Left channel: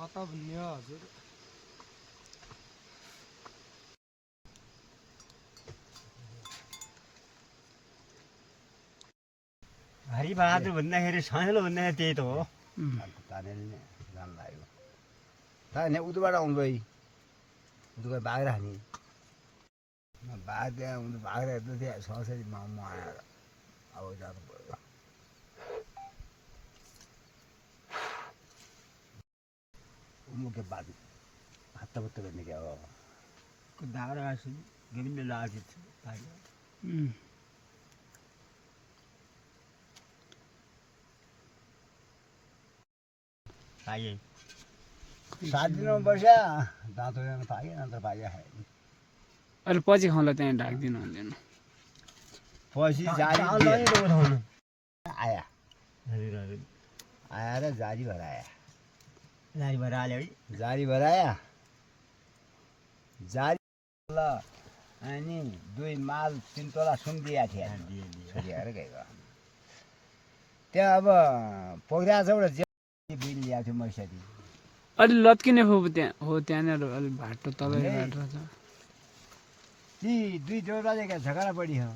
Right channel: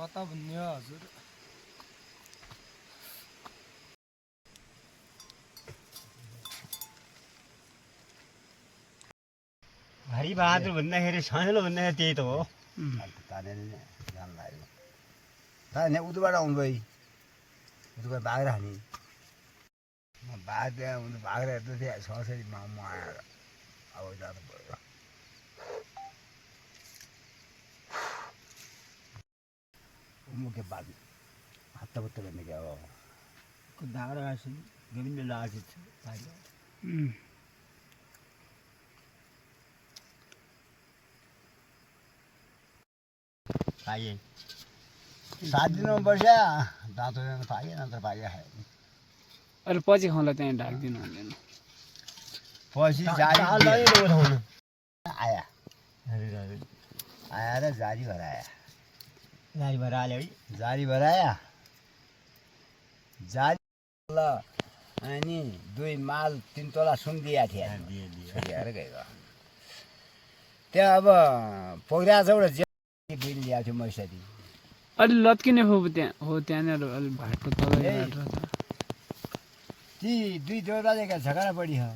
कता भन्ने हजुर हरि बहादुर भन्दाखेरि साइलो भन्दाखेरि त्यही त हो तानेर जान लाग्यो ताने उतबाट आउनु है उतबाट बाघ्रा हानी बाघ त्यहाँ बाघ्रा हेर्दै थिएँ ससरी म आएर अब जानु पऱ्यो मुख्य बाघ हत्ताबत्ता गर्ने क्या हो दाग्रा आएपछि विभिन्न लागिन्छ पाइए 7 दिनमा बस्या दाँतो पाइए नत्र पाइए खायो अहिले पछि खाउँला त्यहाँ ढाकिदिनु हुँदैन पछि आया आएर जारी भएर आया जारी भएर आयो है जारी भएर आया जारी ल अनि 2 माल 3 तोला सुन दिया थियो दिएर गयो त्यहाँ अब पोखरा छ एउटा बिल ल्याएको थियो मैसरी अलि लत्किने हो त्यहाँ हो त्यहाँनिर अलि भाटो तलै बाटो छ ती 2 देउरालीका झगडा बढी हो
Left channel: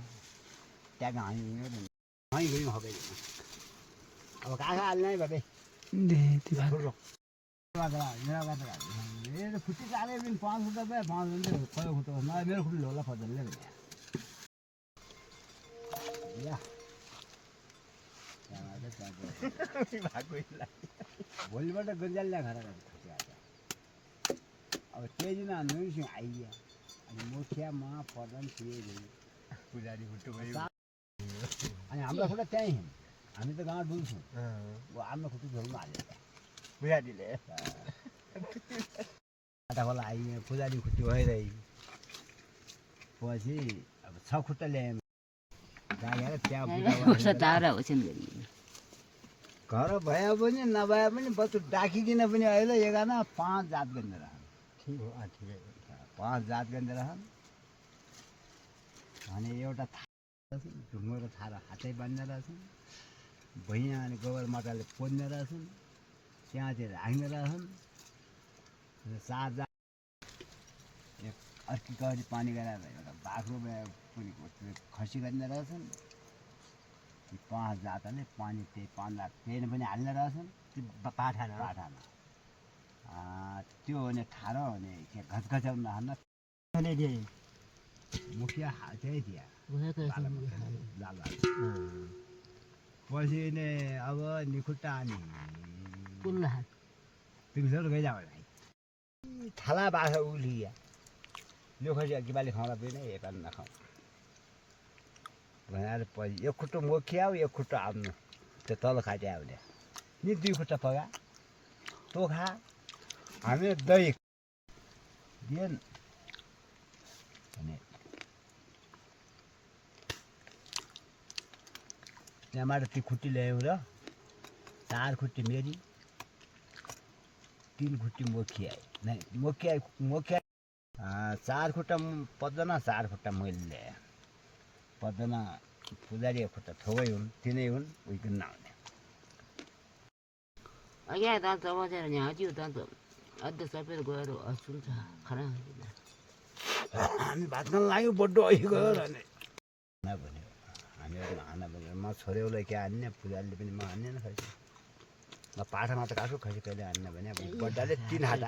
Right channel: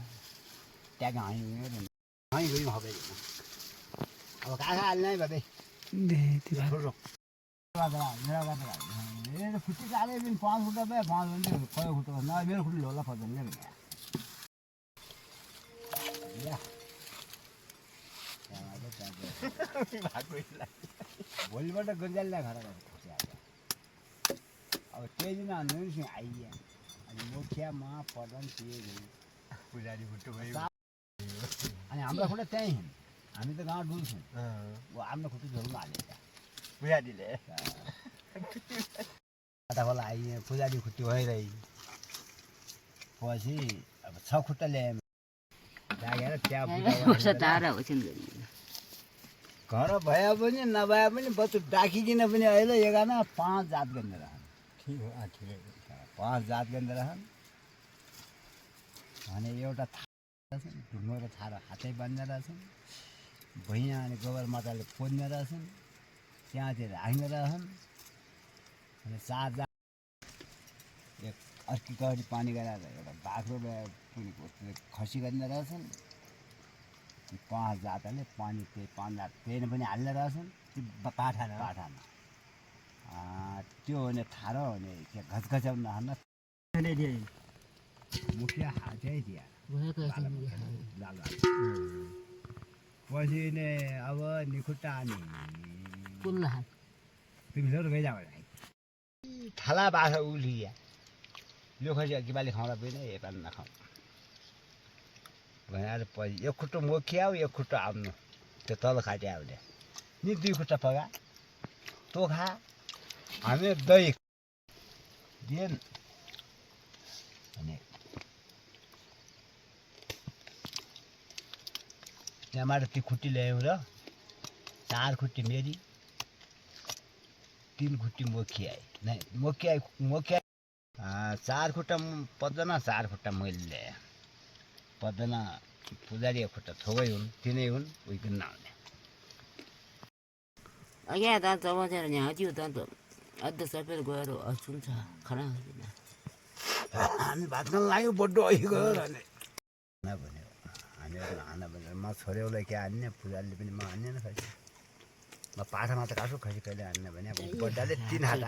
त्यहाँ हामी गयौँ हबै अब कहाँ हाल्ने है भाइ खुट्टी काले पनि 5 खुट्टा भयो 5 भन्दै कयो खुट्टा न मेरो खुट्टी होला फजलले भने भोलिबाट गन्जालले घर अब त्यही दिन हान्नु आइया अनि मुखियामा प्रधान थिए पुजारी खुट्टो भयो अनि हाम्रो खुट्टा त्यहीँ हामी त गाउँ डुल्छौँ हाम्रो खुट्टी झोलमा हालेछ पुजारीले खोला आइए पुजारी खुट्टी भइरहे पछि अब 6 खुट्टा ल्याएँ जागेर त्यहाँ घर भए पनि नभए पनि बच्चु डाकिकन पनि अहिले 5 जात गर्ने रहन् 5 जात गर्ने रहन् भने एउटा ढुङ्गो र थारा हातै बाँध्ने रहेछन् भुइँ अनि गोबर माटाले पोज्ने रहेछन् त्यहाँतिर राख्ने रहन् अनि 4 जात एक अर्की गरी पानी गराएर एउटा बाख्रो पनि खसी गर्ने रहेछन् 5 जातले पानी त्यही 5 जात त्यही पनि हाल्ने रहेछन् पाठामा त्यो भने थाहा भने के घचघच्याउन नहाल्न मुखिया हातै दिया पछि ने अब निखुट्टा अनि पिङसर गइजाऊ थाला बाख्रा उलिया यो खसी अघि बाली खाउँदा पनि यता नखाउँ भनेर पछि एक खुट्टो मोखिया एक खुट्टो आफ्नो त्यो तल खाटे आउने नि 2 खुट्टा पगा तँ खा हामी दही दिएन अनि त्यहाँबाट ती खुट्टी ल्यायौँ र 4 खुट्टी मेरी 3 खुट्टी मोखिया नै मोखिया 4 खुट्टा पद्दना 4 खुट्टा मैले ल्याएँ पद्दना पुजारी एक खुट्टा थोगै हुन् तिनै हुन् उइकन नआउने अघि त बसेर यहाँ थियो त अद्ध सबै गएर सुन्छ खरा हामी भात खान लाग्यो बड्डो अघि गयो र भन्यो हामीहरू खाना भने म छोरेउलाई के हान्ने पुजारीले पनि म हान्ने न खै म पाठामा त काठो खसी कहिले हान्ने भने अब बड्डाले 3 हात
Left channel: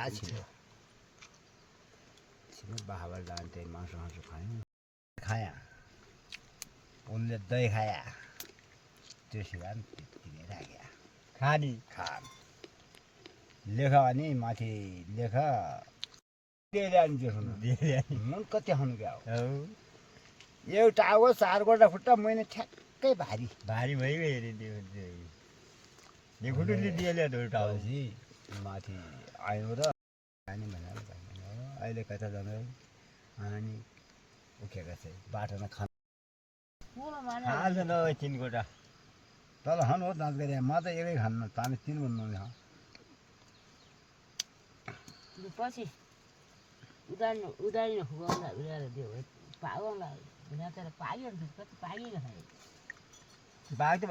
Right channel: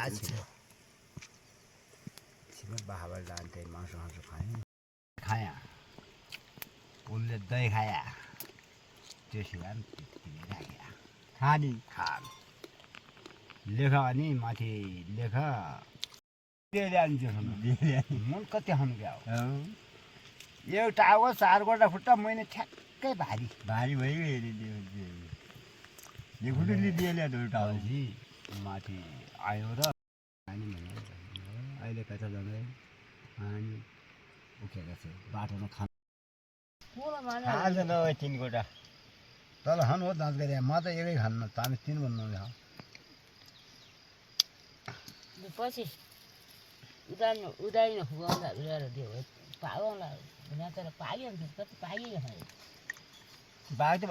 छिलो बाहाबाट लान्थे मासु खाया उसले दही खाया त्यो सिलान राख्या खानी खान लेख अनि माथि लेख मन कति खानु क्या हो एउटा अब 4 गोटा खुट्टा मैले ठ्याक्कै भारी भइगयो अरे त्यो खुट्टी दिएले एउटा पछि माथि आयो र अनि भने अहिले कता जाने अनि उखेका छ बाटोमा खान खान्छ न 3 गोटा तल खानु हो दाँत गरे म त एकै खान्न तामे 3 भन्नु न पछि उदारी खुगाउँदा ल्याएर दियो पागला भने तर पाग्यो कति पागियो बाघ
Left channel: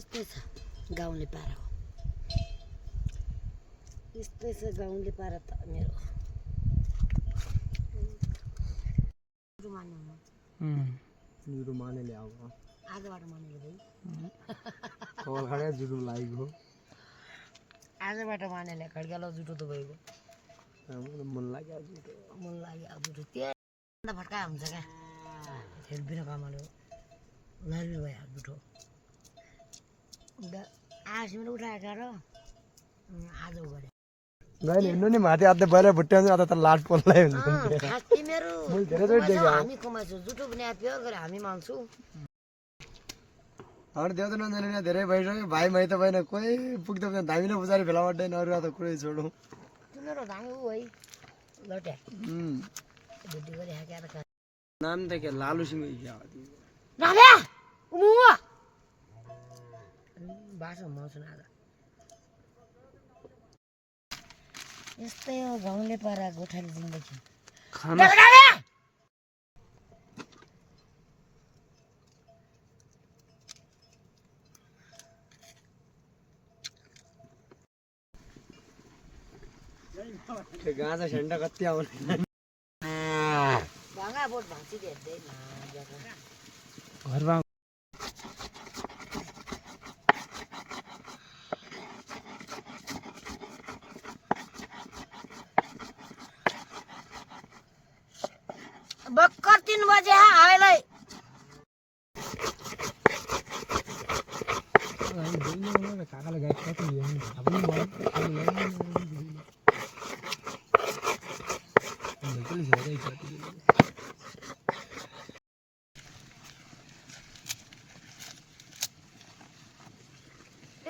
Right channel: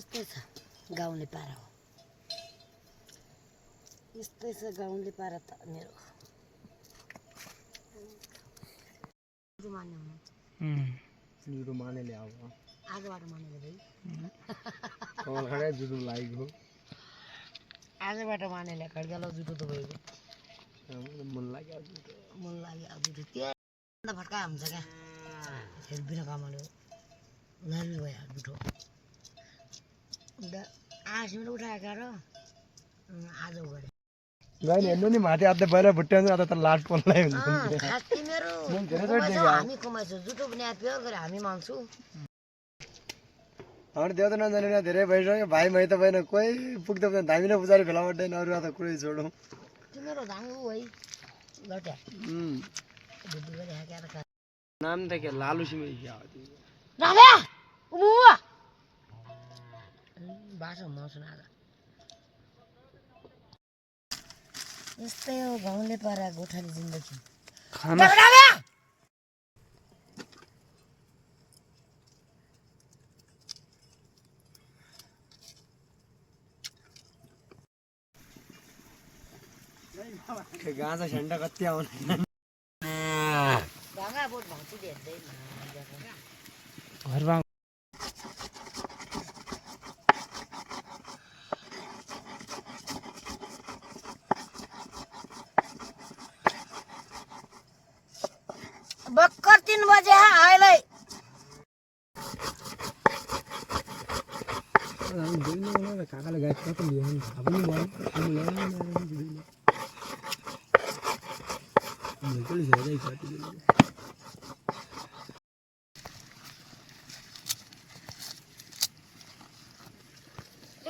यस्तै छ गाउँले पारा हो यस्तै छ गाउँले पारा त मेरो जुडो मानेले अब आजबाट मानेले भाइ खडा जुडो लागेको आजबाट मानेले खड्कालो जुटो त भएको मन लाग्यो अब जुटो त्यो फट्का हुन्छ क्या फेरि बिना कामले लानु भयो जुटो आसिमले उठाएको र आज गरे गाइले हेर्नु नि माथि अझ बाहिर भुट्ट्याउँछ अझ त लाट पोल्दै हुन्छ मेरो हामी कमाउँछौँ जुटो पनि याद गरे हामी माग्छौँ हाम्रो देउ त नजाने यहाँ धेरै भइसक्यो भाइ मै त भएन कोही पुग्दा धामी न पुजारी भेला पर्दैन अरू त कुरै छोडौँ तिमीहरू धामी ऊ है लट्या बुद्धि गरी हाकेर नाम त के लालु सिमे राम्या उमुवा बाटो मौसम आज यस्तै हो गाउँले पारा गोठाली जिन्दगी खाना गाँजा झन्डा कति आउने भाङा बोट भौँची हेर्दैन घरमा भर्खर 3 बजे अहिले काकाले गाई कति लियो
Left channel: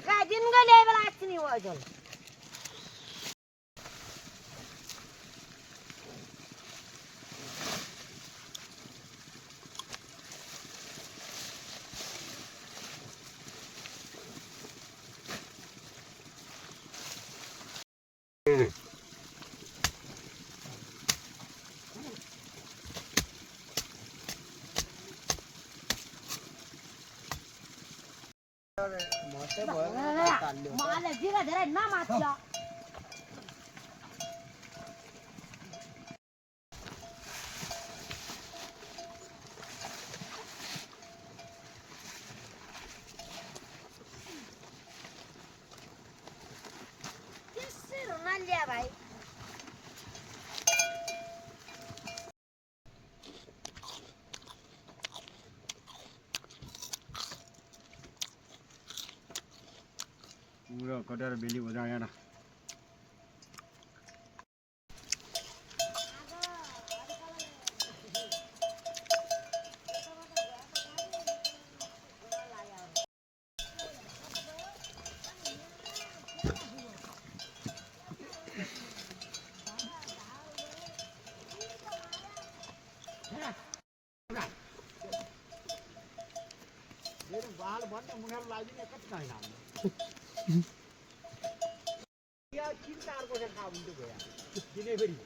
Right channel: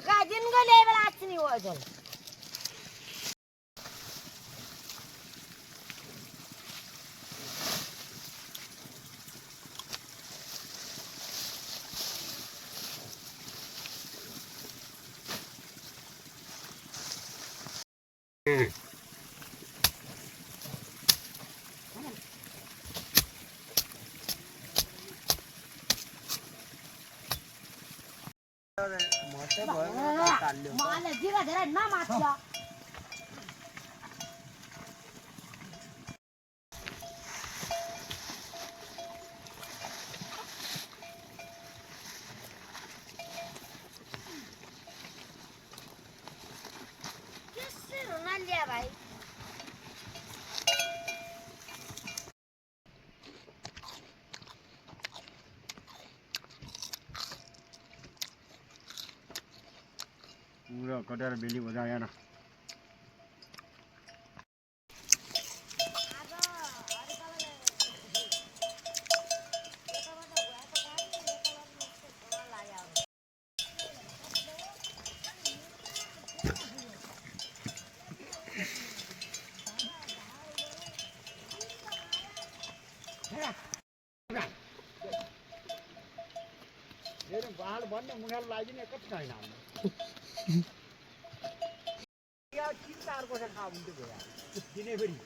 काय दिन गले बेला आछ नि वजल माले जिरा धेरै नमाछ भाइ पूरा कटेर बेली बजा यहाँ बाल भन्ने मुखेल लाग्ने कति छैन या 3-4 वर्ष खा हुन्थ्यो गयो दिनै फेरि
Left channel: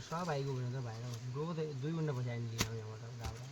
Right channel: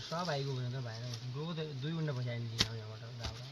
सब आइगयो भने त भएन गएको त 2 घण्टा पछि आइन्छ यहाँबाट गाउँबाट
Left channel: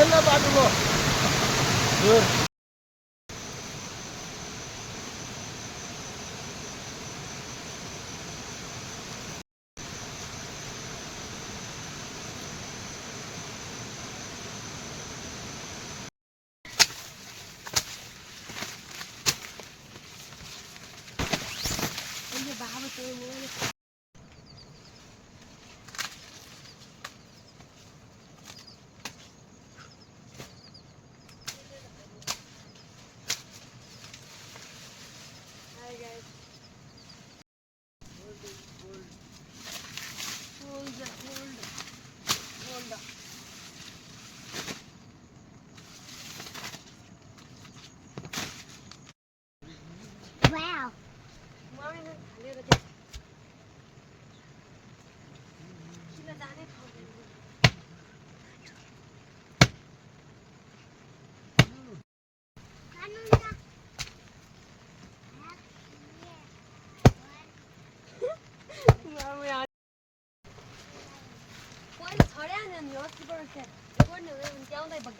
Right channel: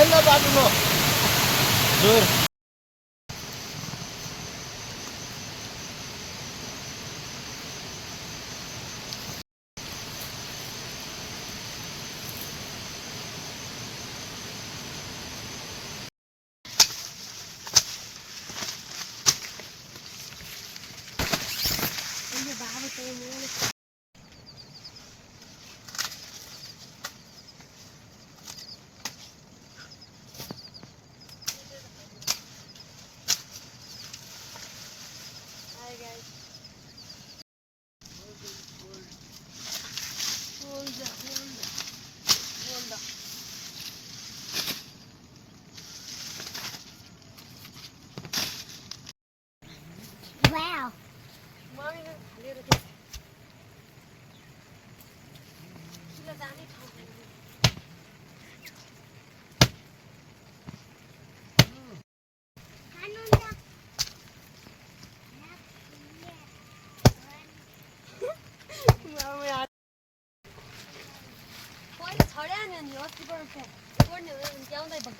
ठन्डा बाटोमा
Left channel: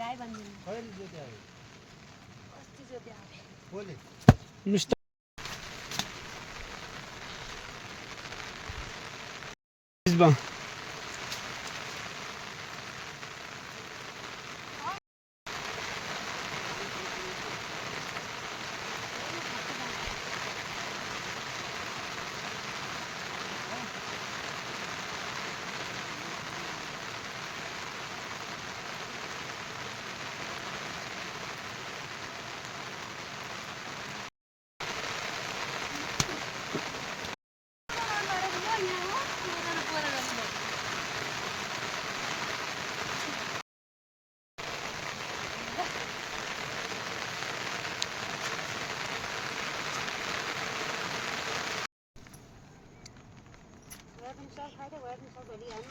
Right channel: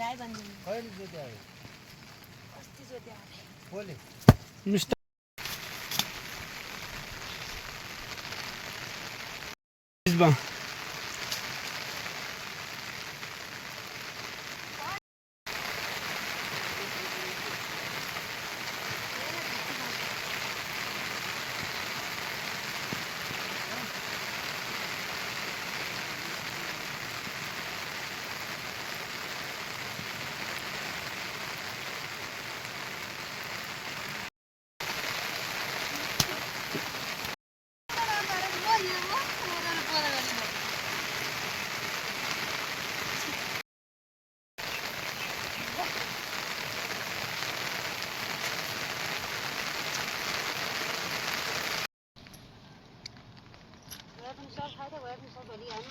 गाई बाँधिदिनु अस्ति जोत्या मिस्टर पनि सब खाइदियो भए पनि सब भोलि आएन